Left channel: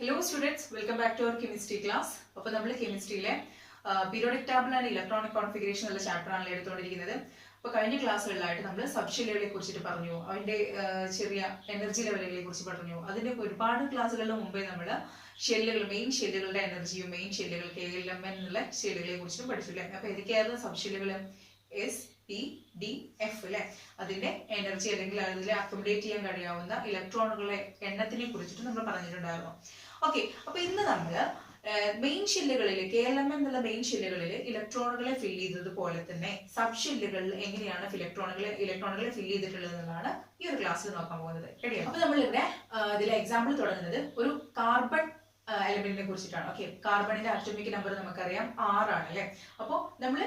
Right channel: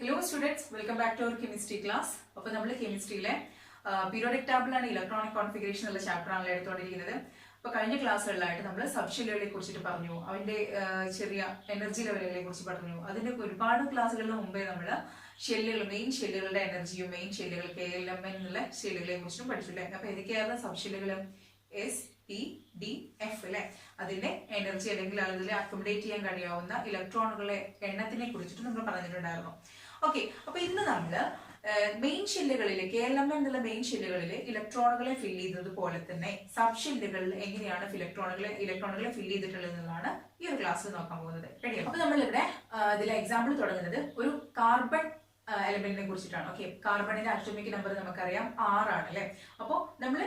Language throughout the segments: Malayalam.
Hello students, welcome back to our chemistry class. അപ്പോൾ നമ്മൾ കെമിസ്ട്രിയിലെ periodic table and electronic configuration ഉള്ള ചാപ്റ്റർ ആണ് എടുത്തുകൊണ്ടിരിക്കുന്നത്. അപ്പോൾ കഴിഞ്ഞ ക്ലാസ്സുകളിലായിട്ട് നമ്മൾ സബ് ഷെല്ലുകളെ കുറിച്ചിട്ട് പറഞ്ഞു, അതിന്റെ ചെറിയ എനർജി ലെവലുകളെ കുറിച്ച് പറഞ്ഞു. അതിന്റെ ഒരുപാട് ക്ലാസ്സുകളിന് മുമ്പേ നമ്മൾ ഷെല്ലുകൾ, മെയിൻ ഷെല്ലുകളുടെ എനർജിയും മെയിൻ ഷെല്ലുകൾ KLMN എന്നുള്ള ഷെല്ലുകളെ കുറിച്ചും പഠിച്ചില്ലേ. അപ്പോൾ ഏതൊക്കെയായിരുന്നു സബ് ഷെല്ലുകൾ? SPDF അല്ലെ, അതിന്റെ എനർജി അല്ലെങ്കിൽ അതിൽ അക്കോമഡേറ്റ് ചെയ്യാൻ കഴിയാവുന്ന ഇലക്ട്രോണുകളെ എണ്ണത്തിനെ കുറിച്ചിട്ട് നമ്മൾ പറഞ്ഞിട്ടുണ്ടായിരുന്നു. ഓക്കെ, അപ്പൊ ഇന്ന് നമ്മൾ മെയിൻ ഷെല്ലുകളിൽ KLMN എന്നുള്ള മെയിൻ ഷെല്ലുകളിൽ ഇലക്ട്രോണുകളെ ഫിൽ ചെയ്തത് പോലെ തന്നെ സബ് ഷെല്ലുകളിൽ എങ്ങനെയാണ് ഇലക്ട്രോണുകളെ ഫിൽ ചെയ്തിട്ടുള്ളത് എന്നുള്ളതാണ് ഈ ഒരു ക്ലാസ്സിൽ നോക്കാൻ പോകുന്നത്. റെഡിയാണ്? അപ്പൊ നമ്മളിവിടെ ഇതിലെ എക്സാമ്പിൾ തുടങ്ങുന്നത് ഒരു കാർബൺ എലമെന്റിനെ കുറിച്ചിട്ടാണ്. ഓക്കെ, കാർബണിന്റെ അറ്റോമിക് നമ്പർ നമുക്കറിയാം 6 ആണ് അല്ലെ. അപ്പോൾ നമ്മൾ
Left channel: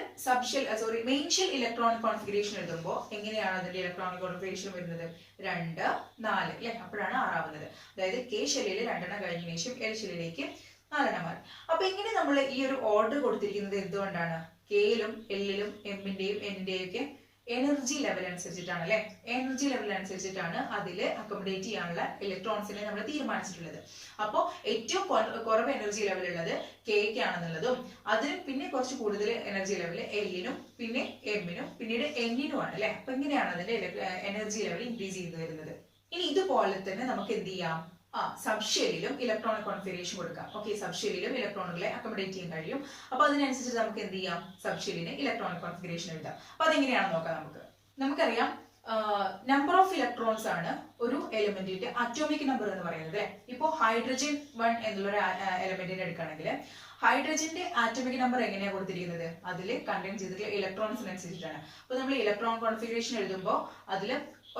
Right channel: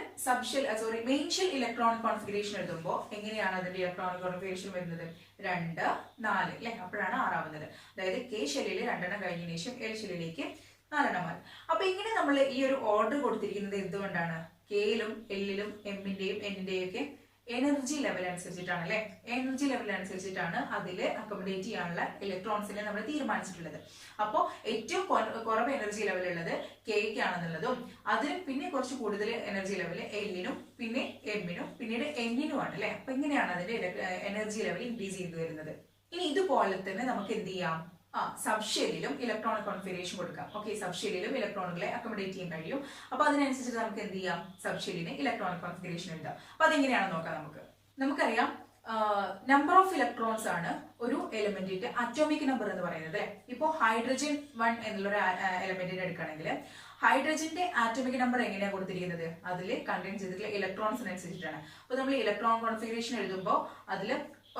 മെയിൻ ഷെൽ ഇലക്ട്രോണിക് കോൺഫിഗറേഷൻ എഴുതുമ്പോൾ എങ്ങനെയാണ് അതിന്റെ ഇലക്ട്രോണിക് കോൺഫിഗറേഷൻ വരുന്നത്? 2, 4 അല്ലെ, അപ്പോഴാണ് 6 ആവുന്നത്. അതായത് K ഷെല്ലിൽ 2 എണ്ണം കഴിഞ്ഞതിന് ശേഷം L ഷെല്ലിലേക്ക് 4 എണ്ണം മാറി. അപ്പൊ ഇങ്ങനെ നമ്മൾ ഈ ഒരു ഓർഡർ കൊടുത്തിരിക്കുന്നത് എന്തുകൊണ്ടാണ്? Kയിലും Lലും Mന്റെയും Nന്റെയും ഒക്കെ എനർജി ലെവൽ അനുസരിച്ചിട്ടാണ് അല്ലെ. എനർജി ലെവൽ അനുസരിച്ചിട്ടാണ് അതിൽ അക്കോമഡേറ്റ് ചെയ്യാനുള്ള ഇലക്ട്രോൺസിനെ നമ്മൾ തീരുമാനിച്ചിട്ടുള്ളത്. അപ്പോൾ ഏറ്റവും കുറവ് എനർജി ലെവൽ ഉള്ളത് Kക്ക് ആണെന്നുള്ളതും അതിനും പിന്നെ കുറച്ച് കൂടുതൽ എനർജി ലെവൽ Lനും പിന്നെ Mനും പിന്നീട് Nനും ആണ് അല്ലെ. അപ്പൊ ഇങ്ങനെയാണ് അതിന്റെ എനർജി ലെവൽ ഇൻക്രീസ് ചെയ്തു വരുന്നത്. ഇനി ഇതുപോലെ തന്നെ നമുക്ക് എന്ത് ചെയ്യാം? സബ് ഷെല്ലിലും ഇലക്ട്രോണിക് കോൺഫിഗറേഷൻ കൊടുക്കാം. ഓക്കെ, സബ് ഷെല്ലിലും ഇലക്ട്രോണുകളെ അക്കോമഡേറ്റ് ചെയ്യാൻ കഴിയും. അപ്പൊ അതിനനുസരിച്ച് നമുക്ക് എന്ത് ചെയ്യാം? സബ് ഷെല്ലിന് ഇലക്ട്രോണിക് കോൺഫിഗറേഷൻ ഉണ്ട്. അപ്പൊ അതെങ്ങനെയാണെന്ന് നോക്കാം. നമുക്കറിയാം നമ്പർ ഓഫ് ഇലക്ട്രോൺസ് ആണ് ഒരു എലിമെന്റിന്റെ അറ്റോമിക് നമ്പർ എന്ന് പറയുന്നത് അല്ലെ. ഇപ്പോ ഹൈഡ്രജൻ 1 എന്നുള്ളൊരു എലിമെന്റിനെ എടുക്കുകയാണെങ്കിൽ ഹൈഡ്രജന്റെ ആറ്റോമിക് നമ്പർ എങ്ങനെയാണ് കൊടുത്തിരിക്കുന്നത്? അതിൽ കണ്ടെയ്ൻ ചെയ്തിട്ടുള്ള ഇലക്ട്രോൺസിനനുസരിച്ചിട്ടാണ്. അപ്പൊ നമ്മൾ ഇലക്ട്രോൺ കോൺഫിഗറേഷൻ എഴുതുമ്പോൾ അതിൽ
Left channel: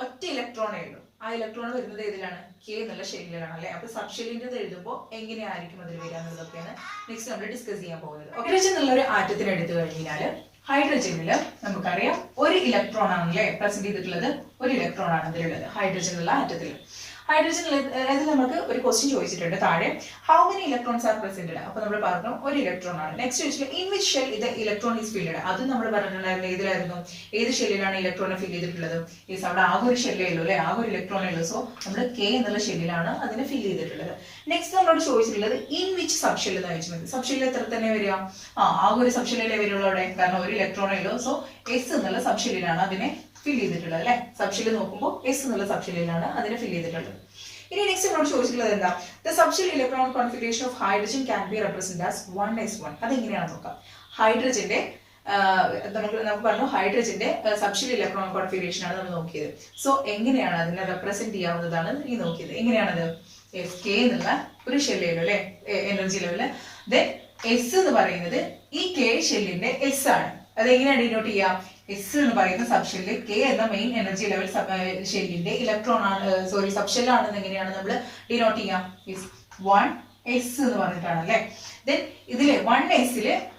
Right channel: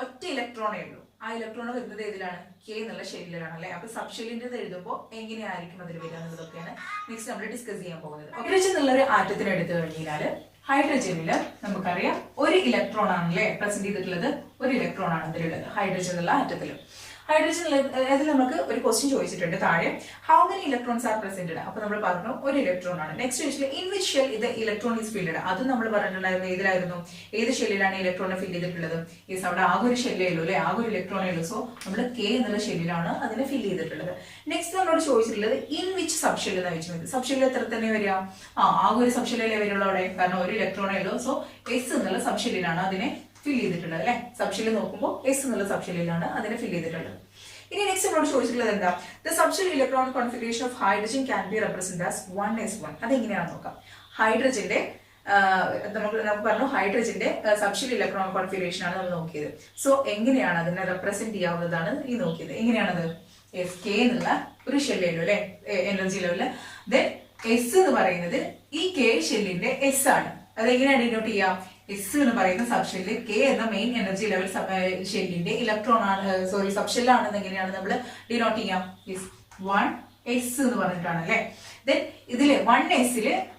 ഒറ്റ ഇലക്ട്രോണേ ഉള്ളൂ. ആ ഇലക്ട്രോൺ വരുന്നത് ഏതിലാണ്? K എന്നുള്ള ഷെല്ലിലാണ് അല്ലെ. അപ്പൊ സബ് ഷെല്ലിന്റെ എഴുതുമ്പോൾ എങ്ങനെയായിരിക്കും അതിൽ വരിക എന്നുള്ളതൊക്കെയാണ് നെക്സ്റ്റ് നമ്മൾ ഡിസ്കസ് ചെയ്യാൻ പോകുന്നത്. ഹൈഡ്രജൻ എന്നുള്ള ഒരു ആറ്റത്തിന് എടുത്തു കഴിഞ്ഞാൽ ഹൈഡ്രജനിൽ നമുക്കറിയാം ഒരു ഇലക്ട്രോൺ ആണല്ലേ പ്രസന്റ് ചെയ്തിട്ടുള്ളത്. ഒരു ഇലക്ട്രോൺ ആണ് ഇതിലുള്ളത് ഹൈഡ്രജൻ എന്നുള്ള ആറ്റത്തിൽ. അതിൽ നമുക്ക് ഒരു ക്വസ്റ്റ്യൻ ചോദിച്ചിട്ടുണ്ട് താഴെ, how many electrons are presented? അപ്പൊ നമ്മൾ പറഞ്ഞു ഒരു ഇലക്ട്രോൺ ആണ്. നെക്സ്റ്റ് ചോദിച്ചിട്ട് ഇൻ വിച്ച് ഷെൽ ഇത് ഇലക്ട്രോൺ ഈസ് ഫില്ലഡ്? അത് നമ്മൾ പറഞ്ഞിട്ടുണ്ടായിരുന്നു ഏതിലായിരുന്നു? ഏത് ഷെല്ലിലാണ് ഇലക്ട്രോണെ ഫിൽ ചെയ്തിട്ടുള്ളത്? യെസ്, അവിടെ ആകെ ഒരു ഷെല്ലേ ഉള്ളൂ അല്ലെ, ആകെ ഒരു ഇലക്ട്രോണേ ഉള്ളൂ. സോ നമ്മൾ K എന്നുള്ള ഷെല്ലിലാണ് അതിനെ ഫിൽ ചെയ്തിട്ടുള്ളത്. നെക്സ്റ്റ് നമ്മളോട് ചോദിച്ചിട്ടുള്ളത് ഇൻ വിച്ച് സബ് ഷെൽ എന്ന് വെച്ചാൽ സബ് ഷെല്ലിൽ എത്ര തന്നെ വരിക? ആകെ ഒരു സബ് ഷെല്ലിലേ വരുള്ളൂ അവിടെ, കാരണം ഒരു ഇലക്ട്രോണേ ഉള്ളൂ. സോ S എന്നുള്ള സബ് ഷെല്ലിലാണ് അതിനെ ഫിൽ ചെയ്തിട്ടുള്ളത് അല്ലെ. സബ് ഷെല്ലിൽ നോക്കുമ്പോൾ S എന്നുള്ള സബ് ഷെല്ലിലാണ് അതിനെ ഫിൽ ചെയ്തിട്ടുള്ളത്. ഇനി നെക്സ്റ്റ് നമ്മളോട് ചോദിച്ചിട്ടുള്ളത് എന്താ? The subshell electron configuration of hydrogen can be represent as 1s1. അതെങ്ങനെയാണെന്ന് നോക്കാം. ഹൈഡ്രജന്റെ നമുക്ക് പറഞ്ഞു ഹൈഡ്രജന്റെ സബ്ഷെൽ ഇലക്ട്രോൺ കോൺഫിഗറേഷൻ ആണ് നമ്മൾ നോക്കിയത്. സോ എങ്ങനെയാണ് അതിനെ റെപ്രസെന്റ് ചെയ്യാവുന്നതാണ് ഈ നോക്കിയത്. എങ്ങനെയാണത്? K എന്നുള്ള ഒരു ഷെല്ലേലോ അല്ലെ എനർജി ലെവലില്. ദെൻ S എന്ന് പറയുന്നത് ഈ K ഷെല്ലിന്റെ S ആണ്. അതെങ്ങനെയാണ് ഡിനോട്ട് ചെയ്യാം? S എന്ന് പറയുന്ന സബ് ഷെല്ല് K എന്ന മെയിൻ എനർജി ലെവൽ ഷെല്ലിന്റെ ഇലക്ട്രോൺ ആണ്, സബ് ഷെൽ ആണെന്ന് എങ്ങനെയാണ് നമ്മൾ ഡിനോട്ട് ചെയ്യാം? 1s എന്ന് പറഞ്ഞിട്ടാണ് അല്ലെ. ദെൻ ഇതില് 1s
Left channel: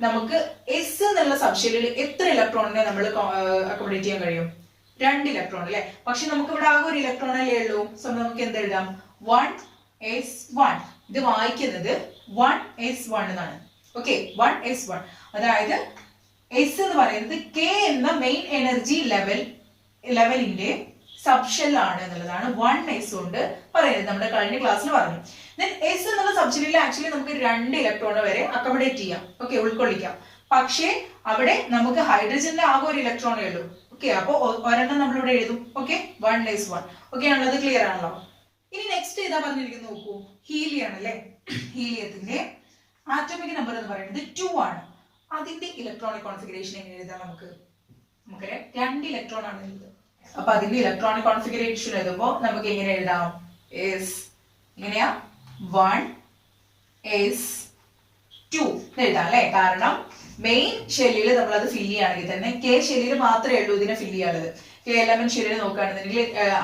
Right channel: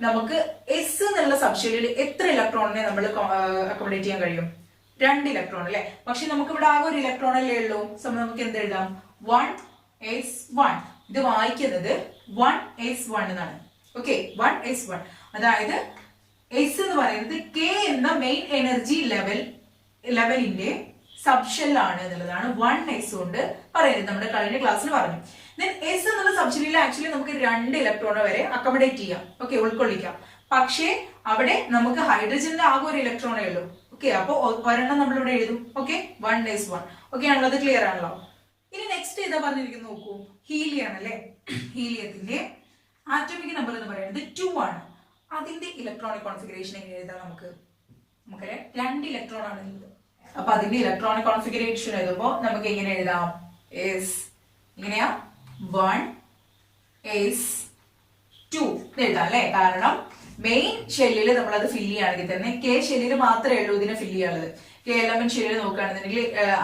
നമുക്ക് S എന്നുള്ള സബ് ഷെല്ലിൽ എത്ര ഇലക്ട്രോണിനെ നമ്മൾ അക്കോമഡേറ്റ് ചെയ്യാൻ കഴിയും? 2 ഇലക്ട്രോൺ അല്ലെ. പക്ഷെ നമുക്ക് ഇവിടെ ആകെ ഒരു ഇലക്ട്രോൺ അല്ലേ ഉള്ളൂ. സോ നമുക്ക് എന്ത് എഴുതാം? 1s1. ഇത് വായിക്കുന്നത് 1s1 എന്നാണ്. Okay, 1s1. അതായത് S എന്ന് പറയുന്നത് K എന്ന മെയിൻ എനർജി ലെവലിന്റെ സബ് ഷെൽ ആണ് എന്നുള്ളതാണ് 1s കൊണ്ട് പറയുന്നത്. നമ്മുടെ കഴിഞ്ഞ ക്ലാസ്സിൽ പറഞ്ഞു. ദെൻ S എന്നുള്ള സബ് ഷെല്ലിൽ ആക്ച്വലി നമുക്ക് 2 ഇലക്ട്രോൺ വരെ അക്കോമഡേറ്റ് ചെയ്യാം. ഓക്കെ, ഉൾക്കൊള്ളിക്കാം. പക്ഷേ അവിടെ നമുക്ക് ഹൈഡ്രജനിൽ ആകെ ഒരു ഇലക്ട്രോണേ ഉള്ളൂ. ഓക്കെ, അപ്പൊ ഒരെണ്ണം നമ്മൾ ഇവിടെ എഴുതും. Okay, 1s1. ഓക്കെ ആണല്ലോ, അത് ക്ലിയർ ആണല്ലോ. ഇനി നെക്സ്റ്റ് ഏതാ പറഞ്ഞിരിക്കുന്നത് നോക്കൂ. ഹീലിയം ആണല്ലേ. ഹീലിയത്തിന്റെ ആറ്റോമിക് നമ്പർ എന്ന് പറയുന്നത് 2 ആണ്. അതിന്റെ ഇലക്ട്രോണിക് കോൺഫിഗറേഷൻ എങ്ങനെ എഴുതാം? നമുക്കറിയാം 2 ഇലക്ട്രോൺ ആണ് എഴുതുന്നത്. അപ്പൊ അതിന്റെ ഇലക്ട്രോണിക് കോൺഫിഗറേഷൻ എഴുതുമ്പോൾ നമുക്ക് എങ്ങനെ എഴുതാം? എങ്ങനെയാ? 1s2 എഴുതാം അല്ലെ. കാരണം മെയിൻ ഷെല്ലിൽ നമ്മൾ അത് ഫില്ല് ചെയ്യുകയാണെങ്കിൽ തന്നെ K ഷെല്ലിൽ മാത്രമേ ഉള്ളൂ ഇതിനെ ഫില്ല് ചെയ്യാനുള്ളത്. KLMN ഷെല്ലിൽ നോക്കുകയാണെന്നുണ്ടെങ്കിൽ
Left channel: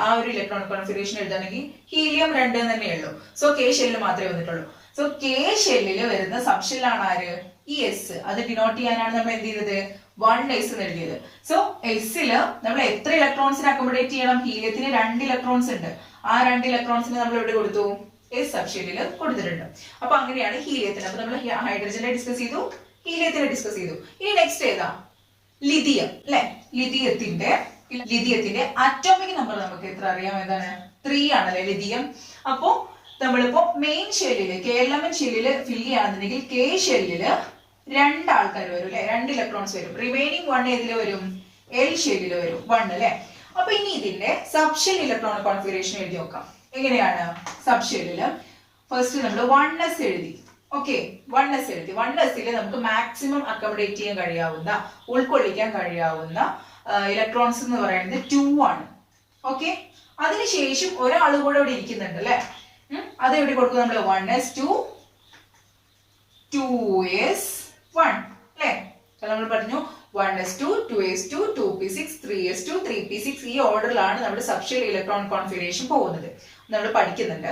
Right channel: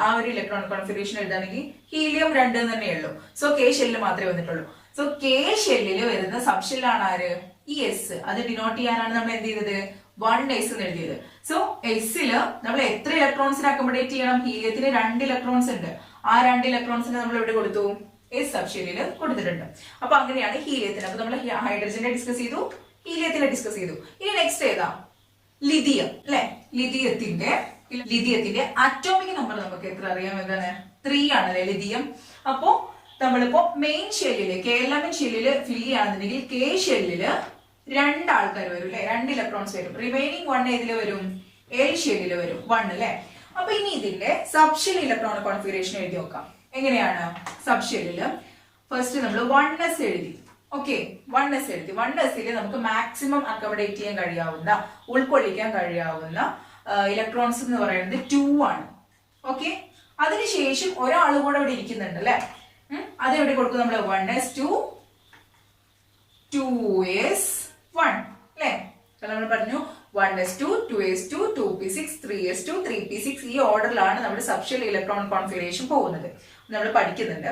ആ ഒരു ഇലക്ട്രോണിക് കോൺഫിഗറേഷൻ എഴുതാണെങ്കിൽ ഹീലിയം 2 തന്നെയുള്ളൂ. സോ K ഷെല്ലിൽ മാത്രമേ വന്നിട്ടുള്ളൂ. സോ K ഷെല്ലിൽ വരുന്ന സബ് ഷെല്ലാണ് ആര്? ഈ S. അത് ഡിനോട്ട് ചെയ്യാനാണ് നമ്മൾ എന്ത് ചെയ്തത്? 1s എന്ന് എഴുതിയത്. സോ എസ്സില് നമ്മൾ എത്ര ഇലക്ട്രോൺസിനെ അക്കോമഡേറ്റ് ചെയ്യണം? ഹീലിയത്തിന് 2 ഇലക്ട്രോൺസ് ഉണ്ട്. ആ 2 ഇലക്ട്രോൺസിനെ നമ്മൾ എവിടെ കൊടുത്തു? S സബ് ഷെല്ലിൽ കൊടുത്തിട്ടുണ്ട്. അപ്പൊ അങ്ങനെയാണ് ഹീലിയത്തിന്. അപ്പൊ നമ്മൾ ഹൈഡ്രജനെ ഡിസ്കസ് ചെയ്തു, ഹീലിയത്തിനെ ഡിസ്കസ് ചെയ്തു. ഇനി നെക്സ്റ്റ് ഏതാ? ലിഥിയം അല്ലെ. ലിഥിയത്തിന്റെ അറ്റോമിക് നമ്പർ നമുക്ക് എത്ര അറിയാം? എന്താണ്? 3 ആണല്ലേ ലിഥിയം. അപ്പോ നമ്മളിപ്പോ മെയിൻ ഷെല്ലില് KLMN ഷെല്ലില് ഫില്ല് ചെയ്യുകയാണെന്നുണ്ടെങ്കിൽ K ഷെല്ലില് 2 ആൾക്കാർ വരും അല്ലെ, 2 ഇലക്ട്രോൺസ് വരും. റിമൈനിങ് 1 ഏതില് വരും? L ഷെല്ലില് വരും 1 അല്ലെ. അപ്പൊ ഇനി ഇതിന്റെ സബ്ഷെൽ ഇലക്ട്രോൺ കോൺഫിഗറേഷൻ എഴുതി നോക്കാം. എങ്ങനെയാണ്? സബ്ഷെല്ലില് ഫസ്റ്റ് നമ്മൾ 1s എഴുതി. ഓക്കെ, 1s എഴുതി. 1sൽ നമുക്ക് മാക്സിമം അക്കോമഡേറ്റ് ചെയ്യാൻ കഴിയാവുന്ന, ഉൾക്കൊള്ളിക്കാൻ കഴിയാവുന്ന ഇലക്ട്രോൺസ് എന്ന് പറയുന്നത് 2 ആണ്. ഓക്കെ, അതിനുശേഷം ഒരാൾ കൂടെ ഇവിടെ ഇരിക്കുന്നുണ്ട് അല്ലെ. അത് എവിടെ കൊടുക്കും നമ്മൾ? 1s2 2s1 അല്ലെ. നമ്മൾ പറഞ്ഞു 1s2 2s2 2p6 3s2 3p6 ഈ ഓർഡറിലാണ് നമ്മുടെ സബ്ഷെൽ ഇലക്ട്രോൺ കോൺഫിഗറേഷൻ പോകുന്നത്, നമ്മൾ പഠിക്കുന്നുണ്ട്.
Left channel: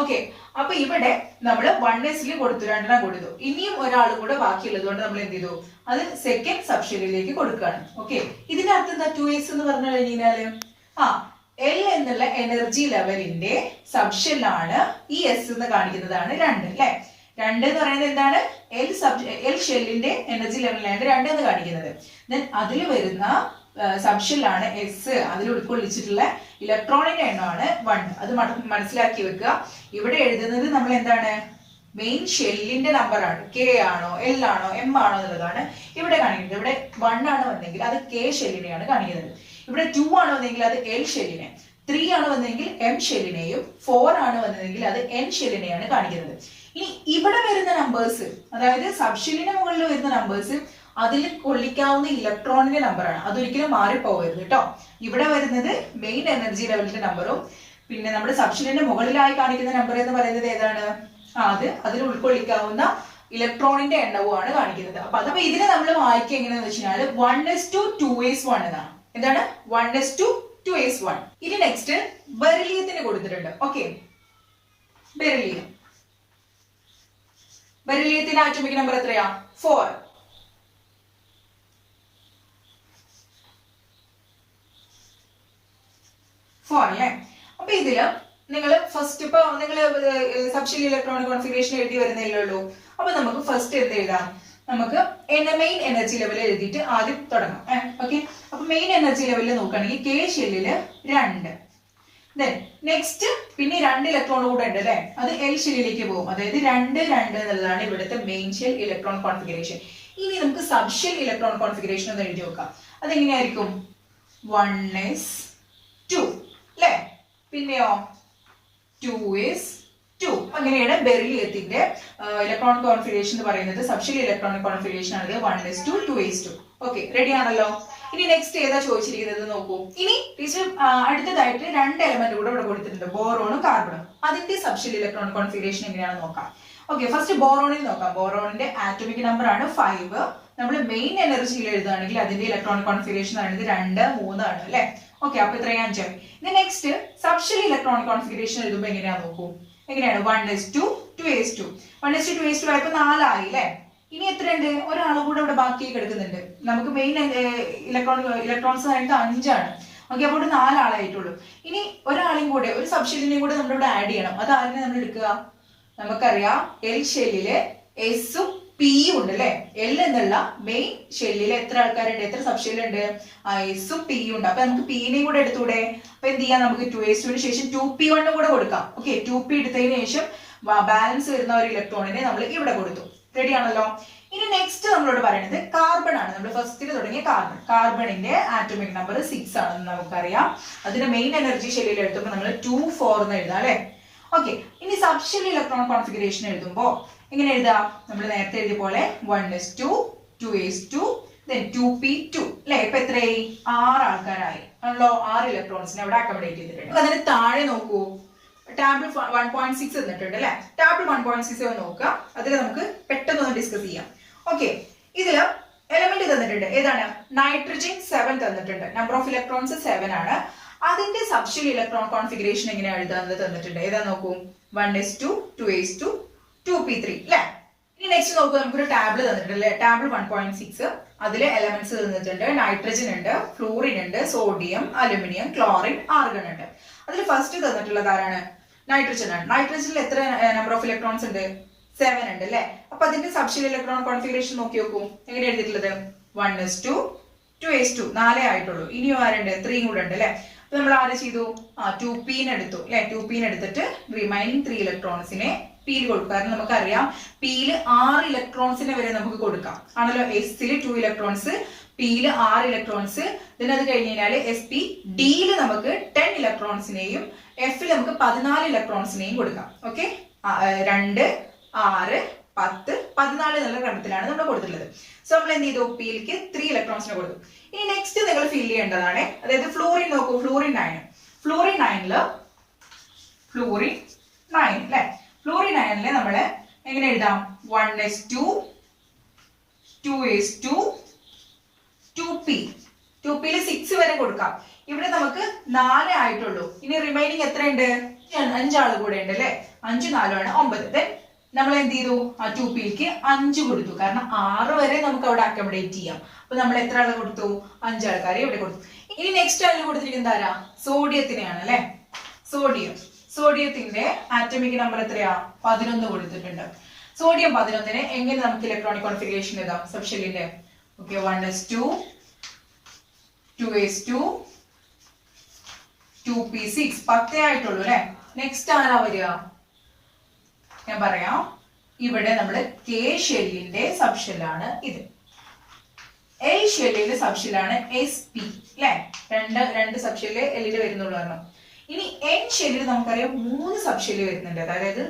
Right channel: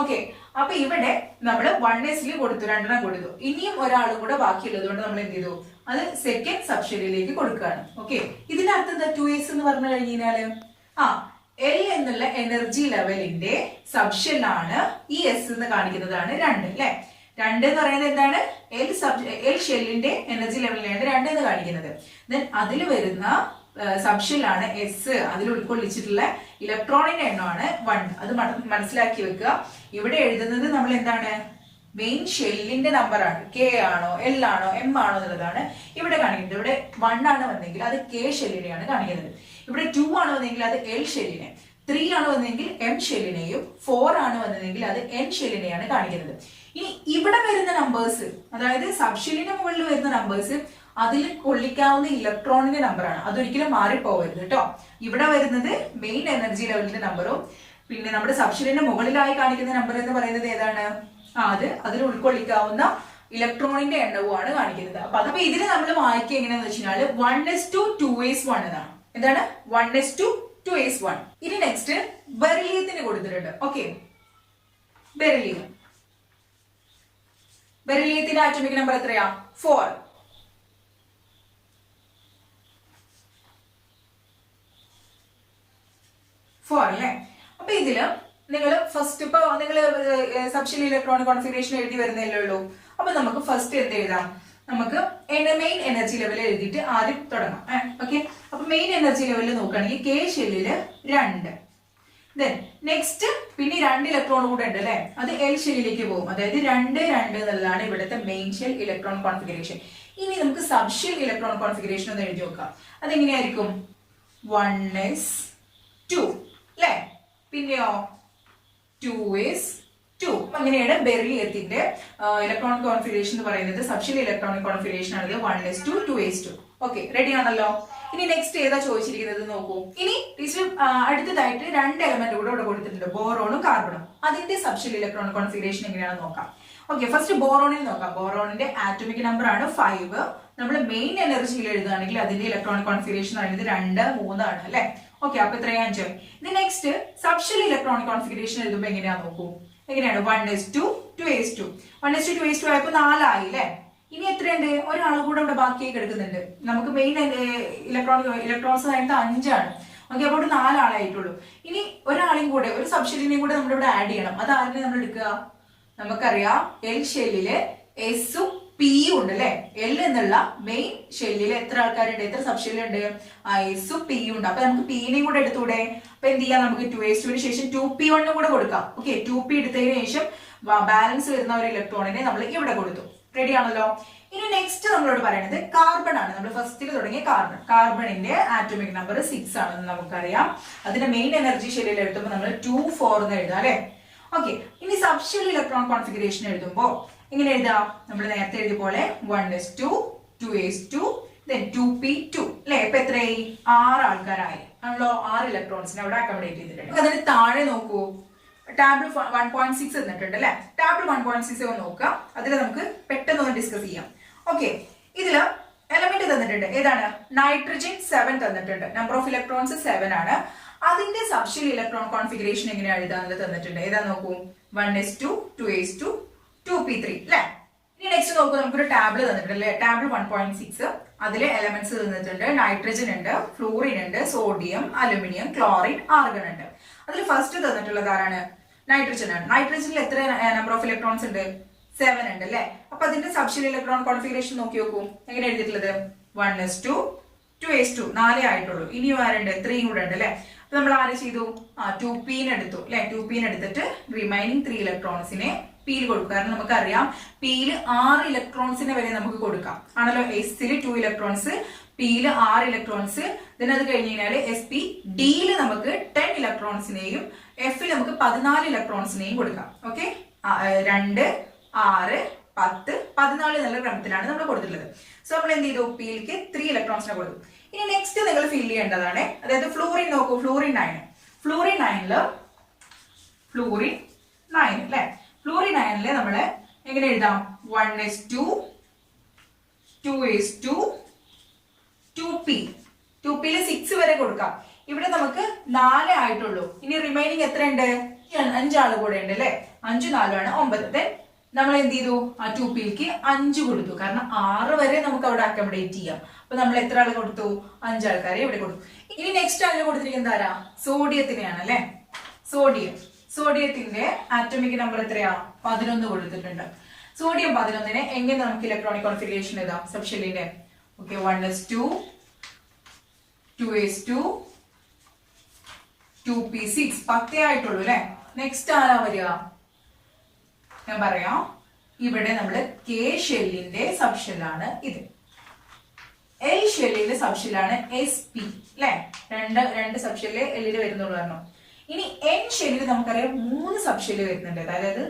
ഓക്കെ, അപ്പൊ ഇവിടെ നമ്മൾ 1sൽ കൊടുത്തു, 2 കൊടുത്തു. ഇനിയും ഒരാൾ കൂടെ ബാക്കിയുള്ളത് കൊണ്ട് നമ്മൾ എന്ത് ചെയ്തു? അത് സെക്കൻഡ് സബ്ഷെല്ലിലേക്ക് കൊടുക്കുകയാണ്. ഓക്കെ, ഇതിന്റെ അർത്ഥം എന്താ? 2s എന്ന് പറഞ്ഞു കഴിഞ്ഞാല് L എന്നുള്ള എനർജി ലെവലിന്റെ സബ്ഷെല്ലാണ് ഈ S എന്ന് കാണിക്കുന്നതാണ് 2 അല്ലെ. 2 എന്ന് പറയുന്നത് എന്താണ്? L ഷെല്ലിന്റെ എനർജി ലെവലിലാണ് 2 എന്ന് കാണിക്കുന്നത്. ദെൻ അതിൽ വരുന്ന സബ്ഷെല്ലാണ് S. അതിൽ ഉൾക്കൊള്ളിച്ചിട്ടുള്ള ഇലക്ട്രോണിന്റെ എണ്ണമാണ് 1. അത് മനസ്സിലാക്കി വെക്കുക. ഇവിടെ എഴുതുന്നത് നമ്മൾ എന്താണ്? മെയിൻ ഷെല്ലിന്റെ നമ്പർ ആണ്. K ആണോ L ആണോ M ആണോ എന്നുള്ളതാണ് ഇവിടെ കാണിക്കുന്നത്. ഇവിടെ 1 ആണ് വന്നെങ്കിൽ അത് K ഷെല്ലിനെയാണ് കാണിക്കുന്നത്. ഇവിടെ 2 ആണ് വന്നെങ്കിൽ അത് L ഷെല്ലിനെ, 3 ആണ് വന്നെങ്കിൽ M ഷെല്ലിനെയും, 4 ആണ് വന്നതെങ്കിൽ അത് N ഷെല്ലിനെയാണ് കാണിക്കുന്നത്. ഇനി ഇവിടെ വരുന്ന നമ്പേഴ്സ്, അതായത് സബ്ഷെല്ലിന് മുകളിൽ വരുന്ന നമ്പേഴ്സ് അതിൽ കൊള്ളിക്കാവുന്ന ഇലക്ട്രോണിന്റെ നമ്പറാണ്. അതൊരിക്കലും മാറിപ്പോകരുത് കേട്ടോ. ഇവിടെ വരുന്നത് മെയിൻ എനർജി ലെവലിന്റെ നമ്പറും പിന്നെ നമ്മുടെ സബ്ഷെല്ലിന്റെ മുകളിലായി കാണിക്കുന്ന നമ്പർ എന്ന് പറയുന്നത് ഏതാണ്? അത് അതിൽ ഉൾക്കൊള്ളിക്കാവുന്ന ഇലക്ട്രോണിന്റെ എണ്ണവുമാണ് കാണിക്കുന്നത്. അപ്പൊ ഇതിനെ നമ്മൾ വായിക്കുക എങ്ങനെയാന്ന് വെച്ച് കഴിഞ്ഞാൽ 1s2 2s1 എന്നാണ്. എന്താണ്? 1s2 2s1. ഇനി നെക്സ്റ്റ് ബെറിലിയത്തിന് കൊടുത്തിട്ടുണ്ട്. ഓക്കെ, ബെറിലിയത്തിന്റെ ആറ്റോമിക് നമ്പർ എത്രയാ? 4. അല്ലേ. അപ്പൊ ഇതില് നിങ്ങൾ ഫസ്റ്റ് ഇപ്പൊ നിങ്ങൾ സബ്ഷെൽ ഇലക്ട്രോണിക് കോൺഫിഗറേഷൻ എഴുതി വരുന്നില്ലേ ഉള്ളൂ. അപ്പൊ നമുക്ക് ഫസ്റ്റ് എന്ത് എഴുതാം? നമുക്ക് മെയിൻ എനർജി ലെവൽ എഴുതിയിട്ട് ആദ്യം തുടങ്ങാം. ഓക്കെ, അപ്പൊ മെയിൻ എനർജി ലെവലിൽ നോക്കുകയാണെങ്കിൽ K ഷെല്ലില് 2. ദെൻ നെക്സ്റ്റ് പിന്നെ 2 ഇലക്ട്രോൺ കൂടെ ഉണ്ട് അല്ലെ. അത് L ഷെല്ലിലേക്ക് പോകും. അതായത് 2 2 എന്നുള്ളതാണ് ഇവിടുത്തെ മെയിൻ ഷെൽ ഇലക്ട്രോൺ കോൺഫിഗറേഷൻ. ഇനി നമുക്ക് സബ്ഷെൽ ഇലക്ട്രോൺ കോൺഫിഗറേഷൻ ഒന്ന് എഴുതി നോക്കാം. അതെങ്ങനെയായിരിക്കും? 1s2 അല്ലെ, പിന്നെയോ 2s2. അങ്ങനെയാണ് ബെറിലിയത്തിന്റെ ഇലക്ട്രോണിക് കോൺഫിഗറേഷൻ എന്ന് പറയുന്നത്. സബ്ഷെൽ ഇലക്ട്രോണിക് കോൺഫിഗറേഷൻ ആണ് 1s2 2s2. ഓക്കെ, റെഡി ആണല്ലോ. ഇനി നെക്സ്റ്റ് ഏതാ ചോദിച്ചിരിക്കുന്നത് നോക്കൂ. ഇനി അടുത്തതായിട്ട് 2 എലമെന്റ് കൂടെ ഇവിടെ കൊടുത്തിട്ടുണ്ട്, ബോറോണും കാർബണും. അതിന്റെ സബ്ഷെൽ ഇലക്ട്രോണിക് കോൺഫിഗറേഷൻ എങ്ങനെയാണെന്ന് നോക്കാം. ഓക്കെ, ഫസ്റ്റ് ബോറോണിൽ നോക്കാം. ബോറോണിന്റെ ആറ്റോമിക് നമ്പർ ആണ് 5. നമ്മൾ മെയിൻ എനർജിയിൽ എഴുതുകയാണെങ്കിൽ അതിന്റെ ഇലക്ട്രോണിക് കോൺഫിഗറേഷൻ പറയുന്നത് 2 3 ആണ് അല്ലെ. ഓക്കെ, അപ്പൊ ഇത്രയും 5. ഇനി നെക്സ്റ്റ് സബ്ഷെൽ ഇലക്ട്രോണിക് കോൺഫിഗറേഷൻ എഴുതുമ്പോൾ എങ്ങനെയാന്ന് നോക്കൂ. എങ്ങനെയാണ്? 1s2 2s2. 1s2 2s2 ആയപ്പോ 4 ആയി അല്ലെ. ഇനി എത്രയുണ്ട്? ഒരാൾ കൂടെ ഇവിടെ ബാക്കിയായി കിടക്കുന്നുണ്ട്. നമുക്ക് മെയിൻ ഇലക്ട്രോൺസ് ആയിട്ട് 5 ആണ്. ഓക്കെ, അപ്പോൾ 4 ആളായിട്ടുള്ളൂ. ഇനി ഒരാളെയും കൂടെ, ഒരു സബ്ഷെല്ലിനെയും കൂടെ നമ്മൾ ഇവിടെ ആഡ് ചെയ്യണം. അത് ആരിനെ നമ്മൾ എടുക്കുക? നമുക്കറിയാം L ഷെല്ലില് എസും പിയും ഉണ്ട് അല്ലെ. L എന്നുള്ള മെയിൻ ഷെല്ലിൽ എത്ര ആൾക്കാരുണ്ട്? എത്ര സബ്ഷെല്ലുണ്ട്? എസും പിയും ഉണ്ട്. അപ്പൊ നമുക്ക് പിനെയും കൂടെ എടുത്തൂടെ? അപ്പൊ എന്ത് ചെയ്യാം? നമുക്ക് 2s2 ശേഷം 2p1 കൂടെ കൊടുക്കാം. ഓക്കെ, 2p എടുത്തതിന് ശേഷം ബാലൻസ് വരുന്ന ഒരു ഇലക്ട്രോണിനെ നമ്മൾ ഇവിടെ കൊടുത്തു. റെഡി ആണല്ലോ. ഇനി നെക്സ്റ്റ് നമ്മളോട് പറയുന്നത് കാർബൺ ആണ്. നമ്മൾ ഫസ്റ്റിൽ തുടങ്ങിയ കാർബണിന്റെ ആറ്റോമിക് നമ്പർ 6 ആണെന്ന് നമുക്കറിയാം. അതിന്റെ മെയിൻ എനർജി ഷെല്ലിൽ എഴുതുമ്പോൾ നമ്മൾ 2 4 എന്ന് എഴുതാം അല്ലെ. ഓക്കെ, ഇനി സബ്ഷെൽ ഇലക്ട്രോൺ കോൺഫിഗറേഷൻ എഴുതുമ്പോൾ എങ്ങനെ എഴുതാം? നമ്മൾ നേരത്തെ എഴുതിയ പോലെ 1s2 2s2 2p2 അല്ലെ. ഇപ്പൊ എത്രയായി? 6 ആൾക്കാരായി ആണല്ലോ. 6 ഇലക്ട്രോൺസിനെ അവിടെ അക്കോമഡേറ്റ് ചെയ്തിട്ടുണ്ട്. അതിന് താഴെ നോക്കൂ, ടാബിൾ 1.6 തന്നിട്ടുണ്ട് അല്ലെ. ടാബിൾ 1.6 ഒന്ന് നോക്കുക. അതിൽ നമുക്ക് പെട്ടെന്ന് ഒന്ന് ഡിസ്കസ് ചെയ്യാം. ഓക്കെ, ഇതില് എലമെന്റ് തന്നിട്ടുണ്ട്. ഏതാണ്? നൈട്രജൻ 7 തന്നിട്ടുണ്ട്. നമ്പർ ഓഫ് ഇലക്ട്രോൺസ് 7 ആണ്. അതിന്റെ സബ്ഷെൽ ഇലക്ട്രോൺ കോൺഫിഗറേഷൻ എങ്ങനെയാണ് എഴുതാന്ന് തന്നിട്ടുണ്ട്. ഏതാ നോക്കൂ? 1s2 2s2 2p3 അല്ലെ. ഇനി നെക്സ്റ്റ് നോക്കൂ, നമുക്കൊരു ടാബിൾ തന്നിട്ടുണ്ട് അല്ലെ. ടാബിൾ 1.6. അതിലെ എലമെന്റ്സ് തന്നിട്ടുണ്ട്. നൈട്രജൻ ഉണ്ട്, ഫ്ലൂറിൻ ഉണ്ട്, സോഡിയം, അലുമിനിയം, ക്ലോറിൻ, ആർഗൺ ഉണ്ട്. അതിൽ ഫസ്റ്റ് തന്നിട്ടുള്ളത് ആരാണ്? നൈട്രജൻ ആണ്. നൈട്രജനിൽ എത്ര നമ്പർ ഓഫ് ഇലക്ട്രോൺസ് ഉണ്ട്? 7 ഉണ്ട് അല്ലെ. അപ്പൊ അതിന്റെ സബ്ഷെൽ ഇലക്ട്രോൺ കോൺഫിഗറേഷൻ നോക്കി നോക്കൂ. എങ്ങനെ എഴുതിയിട്ടുള്ളത്? 1s2 2s2 4 ആയിട്ടുള്ളൂ. ഇനിയും ആരുണ്ട്? 3 കൂടെ ഉണ്ട് അല്ലെ. നമ്മൾ ആര് ചെയ്തു 2p എടുത്തു അല്ലെ. 2p എടുത്തിട്ട് റിമൈനിങ് 3 ഇലക്ട്രോൺസിനെ പിയിൽ കൊടുക്കും. കാരണം നമുക്കറിയാം പിയിൽ 6 ഇലക്ട്രോൺസിനെ വരെ നമുക്ക് കൊടുക്കാം ആണല്ലോ. എസിൽ 2 ഇലക്ട്രോൺസ്, പിയിൽ 6 ഇലക്ട്രോൺസ്. അത് കഴിഞ്ഞ് കഴിഞ്ഞാൽ SP ഡിയിൽ നമുക്ക് 10 ഇലക്ട്രോൺസിനെയും എഫിൽ നമുക്ക് 14 ഇലക്ട്രോൺസിനെയും കൊടുക്കാം. ഓക്കെ, 2, 6, 10, 14 എന്നുള്ള ക്രമത്തിലാണ് നമ്മൾ കൊടുത്തിട്ടുള്ളത്. സോ നമ്മൾ എന്ത് ചെയ്തു, പിയിലേക്ക് 3 ഇലക്ട്രോൺസിനെ കൊടുത്തു. ഇനി നെക്സ്റ്റ് നിങ്ങൾ ഫിൽ ചെയ്യേണ്ടതാണ്, അതായത് ഫ്ലൂറിൻ നോക്കൂ. ഫ്ലൂറിൻ 9 അല്ലെ. ഫ്ലൂറിൻ 9 നമ്മൾ എങ്ങനെ എഴുതാം, 1s2 2s2 2p. 2pയിൽ 6 വരെ കൊടുക്കാം. ഇവിടെ നമുക്ക് 4 ആയിട്ടുള്ളൂ. ഇനി റിമൈനിങ് എത്ര ഉണ്ട്, 5 ആള് കൂടെ ഉണ്ട് അല്ലെ. 5 4 ആണ് 9. ദെൻ നമ്മൾ എന്ത് ചെയ്തു, 2pയിലേക്ക് 5 കൊടുത്തു. കാരണം 6 വരെ നമുക്ക് അവിടെ അക്കോമഡേറ്റ് ചെയ്യാം. അപ്പൊ നമ്മൾ എത്ര ആളെ കൊടുത്തു, 5 ആൾക്കാരെ ഇവിടെ കൊടുത്തു. ഇനി നെക്സ്റ്റ് അതിൽ കൊടുത്തിരിക്കുന്നത് ആരാ, സോഡിയത്തിനെയാണ് അല്ലെ. സോഡിയത്തിന്റെ ആറ്റമിക് നമ്പർ എത്രയാ, 11 കൊടുത്തിട്ടുണ്ട്. സോഡിയം 11നെ എങ്ങനെ നമുക്ക് ഇലക്ട്രോണിക് കോൺഫിഗറേഷൻ എഴുതാം, സബ്ഷെല്ലിന്റെ. ഓക്കെ, 1s2 2s2 2p6 10 ആയിട്ടുള്ളൂ അല്ലെ. നെക്സ്റ്റ് ആരാ വരിക, ഞാൻ പറയാം. ഇവിടെ നമ്മൾ K ഷെല്ലിന്റെ സബ്ഷെല്ലാണ് ഇത്. L ഷെല്ലിന്റെ സബ്ഷെല്ലാണ് SP അല്ലെ. രണ്ട് സബ്ഷെല്ല് എല്ലിൽ വരുന്നുള്ളൂ പറഞ്ഞു. ഇനി N ഷെല്ലിൽ നമുക്കറിയാം 3 സബ്ഷെല്ല് വരുന്നുണ്ട്. അതായത്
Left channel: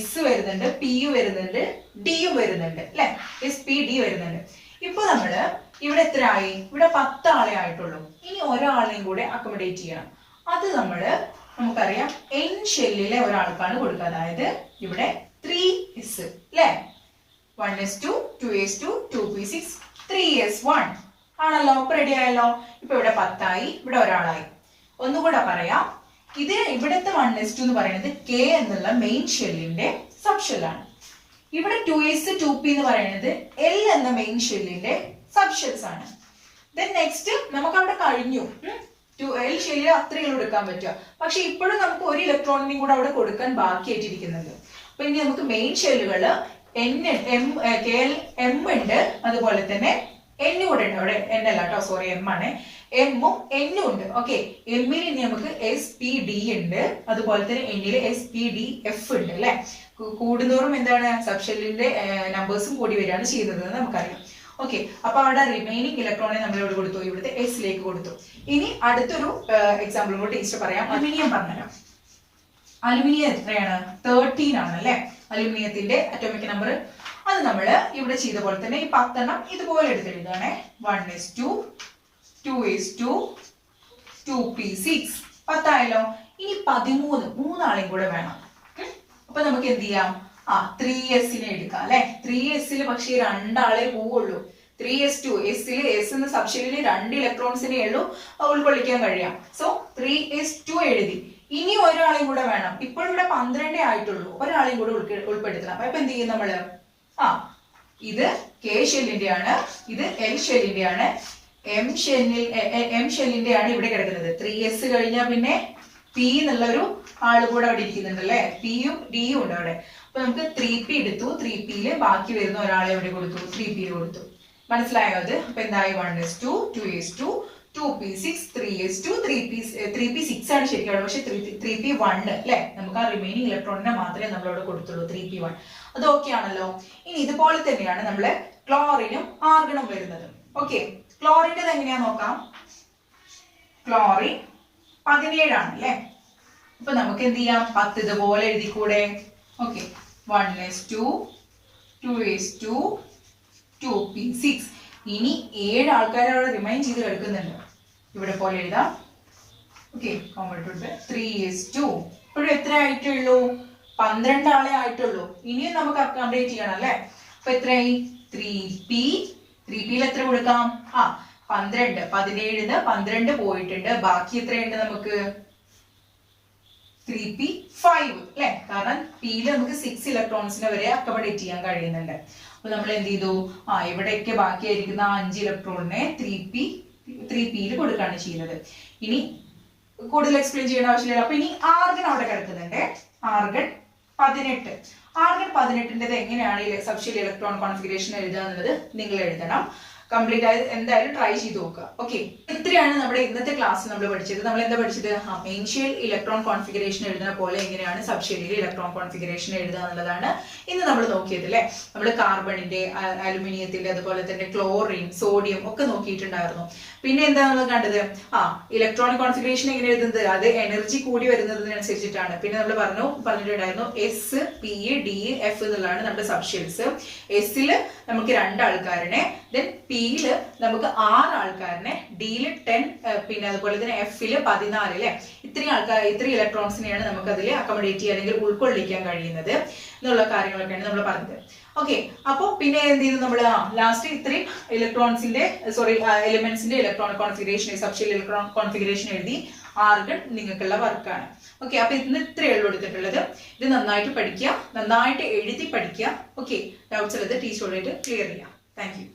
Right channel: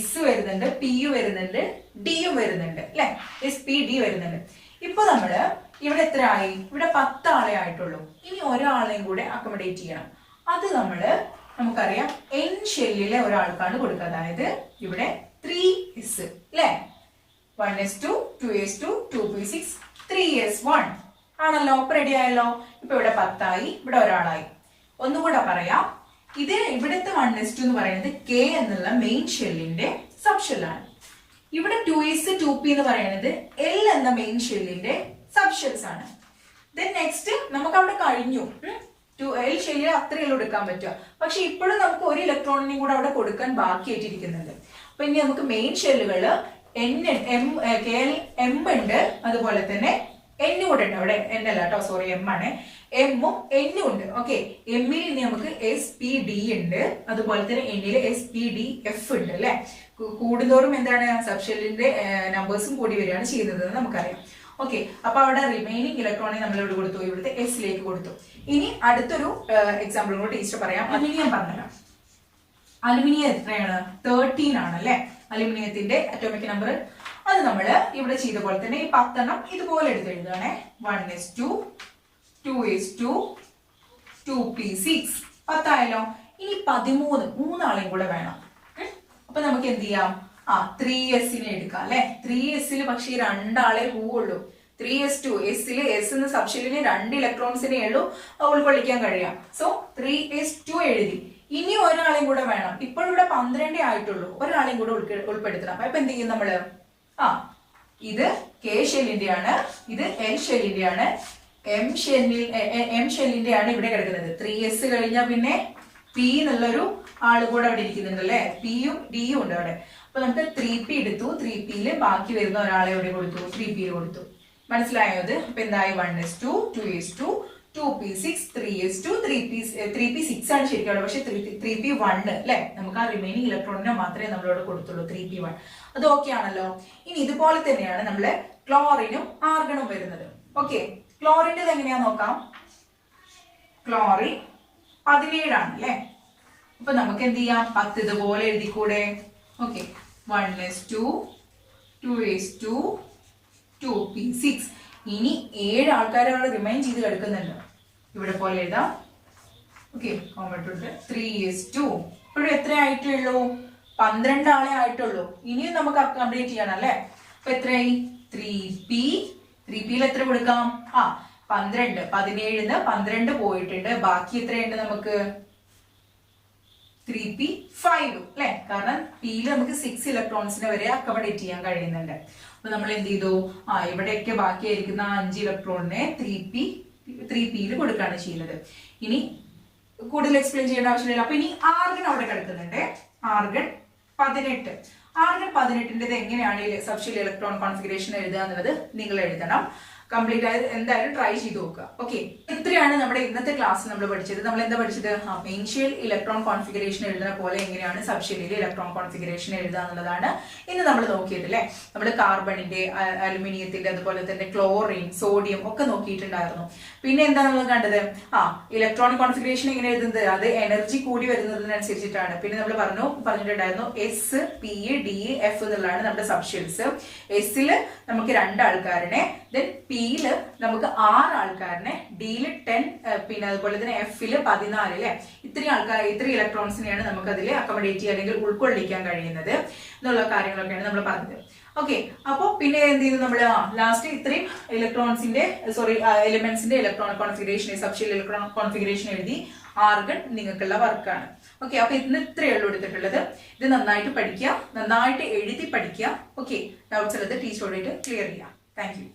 S വരുന്നുണ്ട്, P വരുന്നുണ്ട്, D വരുന്നുണ്ട് അല്ലെ. SPD വരുന്നുണ്ട്. ഇപ്പൊ നമ്മള് ഇവിടെ എത്ര ആയി, ഇവിടെ 10 ആളെ ആയിട്ടുള്ളൂ. ഇനി ഒരാളെയും കൂടെ അക്കോമഡേറ്റ് ചെയ്യണം. അത് നമുക്കറിയാം N ഷെല്ലിലെ ഒരാൾക്കാണ് കൊടുക്കുക. അതായത് ഇവിടെ 3s അല്ലെ. 1s2 2s2 2p6 3s1 ആണല്ലോ. ഇപ്പൊ റെഡി ആയല്ലോ. ഇപ്പൊ ഇവിടെ 10 ആയി, ഇവിടെ ഒരാളായി. ഒന്നുകൂടെ പറയാം, ഇവിടുത്തെ 1s2 എന്ന് പറയുന്നത് K എന്നുള്ള മെയിൻ ഷെല്ലിന്റെ സബ് ഷെല്ലാണ്. ഇവിടെ 2s 2p എന്ന് പറയുന്നത് L എന്ന മെയിൻ ഷെല്ലിന്റെ സബ് ഷെൽസ് ആണ്. ദെൻ നെക്സ്റ്റ് നമുക്ക് അവിടെ കഴിഞ്ഞു. L ഷെല്ലിൽ അത്രയും എടുക്കാൻ പറ്റുക. പക്ഷെ ഇപ്പോഴും നമുക്ക് ഒരു ഇലക്ട്രോണിനെയും കൂടെ അവിടെ കൊടുക്കാൻ ബാക്കിയായിട്ടിരിക്കുന്നുണ്ട്. അപ്പൊ ഇനി നമുക്ക് മെയിൻ ഷെല്ലുകള് M ഉണ്ട്, അതുപോലെ തന്നെ N കൂടെ ഉണ്ട്. അവിടെ N അല്ല കേട്ടോ, സോറി, M ആണ്. M ഉം N ഉം ഉണ്ട്. ഓക്കെ, എമ്മിൽ ഇനി നമുക്ക് SPD ഉണ്ട്, അതുപോലെ തന്നെ Nൽ SPDF ഉണ്ട് അല്ലെ. കൂടുന്തോറും എന്താണ്, സബ്ഷെല്ലിന്റെ നമ്പേഴ്സും കൂടി വരികയാണ് ചെയ്യുന്നത് നമുക്കറിയാം. ഓക്കെ, അപ്പൊ അവിടെ റിമൈനിങ് ഇലക്ട്രോണെ നമ്മൾ ഇവിടെ കൊടുത്തു, ഇവിടുത്തെ എസിലേക്ക് കൊടുത്തു. ഇനി അടുത്തൊരു എക്സാമ്പിൾ കൂടെ ടീച്ചർ പറയാം. അലുമിനിയം പറഞ്ഞല്ലോ. അലുമിനിയം എത്രയാണ്, 13 ആണ് അല്ലെ. അലുമിനിയത്തിന്റെ അറ്റോമിക് നമ്പർ. അത് നമ്മൾ ഇവിടെ ചെയ്ത പോലെ തന്നെ ഈ 10 ഇതുപോലെ എടുത്തെഴുതാണേ. 1s2 2s2 2p6 10 ആയല്ലോ. ഇനി 13 ആളെയും കൂടെ വേണം. അപ്പൊ നമുക്ക് എന്ത് ചെയ്യാം, 3s എടുക്കാം അല്ലെ. 3sൽ പക്ഷേ 2 ആളെ പോവുള്ളൂ. 3s2 എസിൽ എസ് എന്ന സബ്ഷെല്ലിന് 2 ഇലക്ട്രോൺസിനെ ഉള്ളൂ ഉൾക്കൊള്ളിക്കാൻ കഴിയാം. സോ 3s2 എഴുതി. ഇനി ഒരാളെയും കൂടെ വേണം. ഇപ്പോൾ ഇവിടെ 12 ആയിട്ടുള്ളൂ, ഒരാളെയും കൂടെ ഉൾപ്പെടുത്തണം. അപ്പൊ എന്ത് ചെയ്യും നമ്മള്, ഇത് K ഷെല്ലിന്റെ ആണ്, ഇത് L ഷെല്ലിന്റെ ആണ്, M ഷെല്ലിന്റെ ആണ് ഇവിടെ കിടക്കുന്നത്. 3s കഴിഞ്ഞാൽ പിന്നെ P എന്നുള്ളൊരു ആള് കൂടെ അവിടെ ഇരിക്കുന്നുണ്ട് അല്ലെ. Pയും Dയും ഉണ്ട് അവിടെ. അപ്പൊ നമുക്ക് 3p എടുത്തു. 3pയിൽ ബാക്കി വരുന്ന ഒരാളെ ഇവിടെ കൊടുത്തു, 3pയിൽ കൊടുത്തു. മനസ്സിലായോ അത്? അപ്പൊ എന്തായി, 1s2 2s2 2p6 3s2 3p6 ആണ് ശരിക്കും അവിടെ. പക്ഷെ 3p1 അല്ലെ. നമുക്ക് ആ റിമൈനിങ് ഇലക്ട്രോണിനെ മാത്രമേ നമ്മളോട് കൊടുത്തുള്ളൂ, 3p1. അത് ഓക്കെ ആണല്ലോ. ഇനി ഇതുപോലെ തന്നെയാണ് നമ്മള് ക്ലോറിനും ആർഗണും വരുന്നത്. ഓക്കെ, ക്ലോറിന്റെ എങ്ങനെയാ നോക്കാം. ക്ലോറിൻ 17 ആണ് അല്ലെ. അപ്പൊ നമുക്ക് എന്ത് ചെയ്യാം, 10 ഇതുപോലെ എഴുതിക്കൂടെ. Okay, 1s2 2s2 2p6. ഇനി 7 ആൾക്കാരെ അവിടെ റിമൈൻ ചെയ്ത് കിടക്കുന്നുണ്ട്. ഇവിടെ പോലെ എഴുതാം. Okay, 3s2. ഇപ്പോഴും എത്ര ആയിട്ടുള്ളൂ, 12 ആളെ ആയിട്ടുള്ളൂ. ഇനിയും നമുക്ക് അക്കോമഡേറ്റ് ചെയ്യണം അല്ലെ. അപ്പൊ എത്രയായി, 3pയിൽ എത്ര കൊടുക്കാം, 12. 17ന്ന് 12 പോയിട്ടുണ്ട്. ബാക്കി എത്രയുണ്ട് നമുക്ക്, 3p5 അല്ലെ. കാരണം പിയിൽ നമുക്ക് 6 ഇലക്ട്രോൺസിനെ വരെ അക്കോമഡേറ്റ് ചെയ്യാൻ കഴിയുന്നുണ്ട്. അപ്പൊ നമ്മൾ എന്ത് ചെയ്തു, ഇവിടെയൊക്കെ ബാക്കിയായിരിക്കുന്ന 5 ഇലക്ട്രോണിനെ 3pയിൽ കൊടുക്കുകയാണ് ചെയ്യുന്നത്. ഇനി കൂടുതൽ എക്സ്പ്ലെയിൻ ചെയ്യേണ്ട ആവശ്യമില്ല. അപ്പൊ ഇനി ആർഗൺ അവിടെ കിടക്കുന്നുണ്ട്. ആർഗൺ 18. ആർഗൺ 18ന്റെ എങ്ങനെയാണ് സബ്ഷെൽ ഇലക്ട്രോൺ കോൺഫിഗറേഷൻ എഴുതുക എന്നുള്ളത് നിങ്ങൾ എഴുതണം. കംപ്ലീറ്റ് ആയി എന്തായാലും ട്രൈ ചെയ്ത് നോക്കുക. ഓക്കെ, ഇത്രയാണ് നമ്മുടെ ഇന്നത്തെ ക്ലാസ്സിൽ നമ്മൾ പഠിച്ചത്. നമ്മൾ എന്താ പഠിച്ചത്? മെയിൻ ഷെൽ ഇലക്ട്രോൺ കോൺഫിഗറേഷൻ എഴുതുന്ന പോലെ എങ്ങനെയാണ് സബ് ഷെല്ലിൽ ഇലക്ട്രോൺ കോൺഫിഗറേഷൻ എഴുതുക എന്നുള്ളതാണ് ഇന്ന് നമ്മൾ നോക്കിയത് അല്ലേ. നമ്മൾ കാർബണിന്റെ, അലുമിനിയത്തിന്റെ, അതുപോലെ തന്നെ ക്ലോറിൻ, സോഡിയം ഒക്കെ നോക്കിയിട്ടുണ്ടായിരുന്നു. പിന്നെ എന്താ നമ്മൾ കണ്ടത്? ഇലക്ട്രോൺ കോൺഫിഗറേഷൻ എങ്ങനെ എഴുതുന്നത്? അത് എനർജി കൂടി വരുന്നതിനനുസരിച്ചിട്ടാണ്. പിന്നെ നമ്മൾ പറഞ്ഞിട്ടുണ്ടായിരുന്നു എസ്, പി, ഡി, എഫ് എന്നുള്ളതാണ് നമ്മുടെ സബ് ഷെൽസ്. എസില് നമുക്ക് 2 ആൾക്കാരനെ, ദെൻ പിയില് നമുക്ക് 6 ആൾക്കാരനെ, ഡിയില് 10, പിന്നെ അതുപോലെ തന്നെ എഫില് 14 അല്ലെ. ഇത്രയും ഇലക്ട്രോൺസിനെയാണ് നമുക്ക് അതിൽ അക്കോമഡേറ്റ് ചെയ്യുക അല്ലെങ്കിൽ ഉൾക്കൊള്ളിക്കാൻ കഴിയുന്നത് എന്നുള്ള കാര്യങ്ങളൊക്കെയാണ് നമ്മൾ പറഞ്ഞത്. ഓക്കെ, അപ്പൊ പിന്നെ എന്ത് ചെയ്തു നമ്മൾ? ലാസ്റ്റ് ഇത്രയും എലിമെന്റ്സിന്റെ electron configuration, subshell electron configuration എഴുതി. ആർഗൺ നിങ്ങൾക്കുള്ള വർക്കാണ്. ഓക്കെ, അപ്പൊ ഇന്ന് ഇത്രയേ ഉള്ളൂ എടുത്തിട്ടുള്ളത്. ഇത് നന്നായിട്ട് പഠിക്കുക, നന്നായിട്ട് എഴുതി പഠിക്കുക. ഓക്കെ, ഡൗട്ട്സ് ഉള്ളത് ടീച്ചറോടായിട്ട് ക്ലിയർ ചെയ്യാം. Thank you.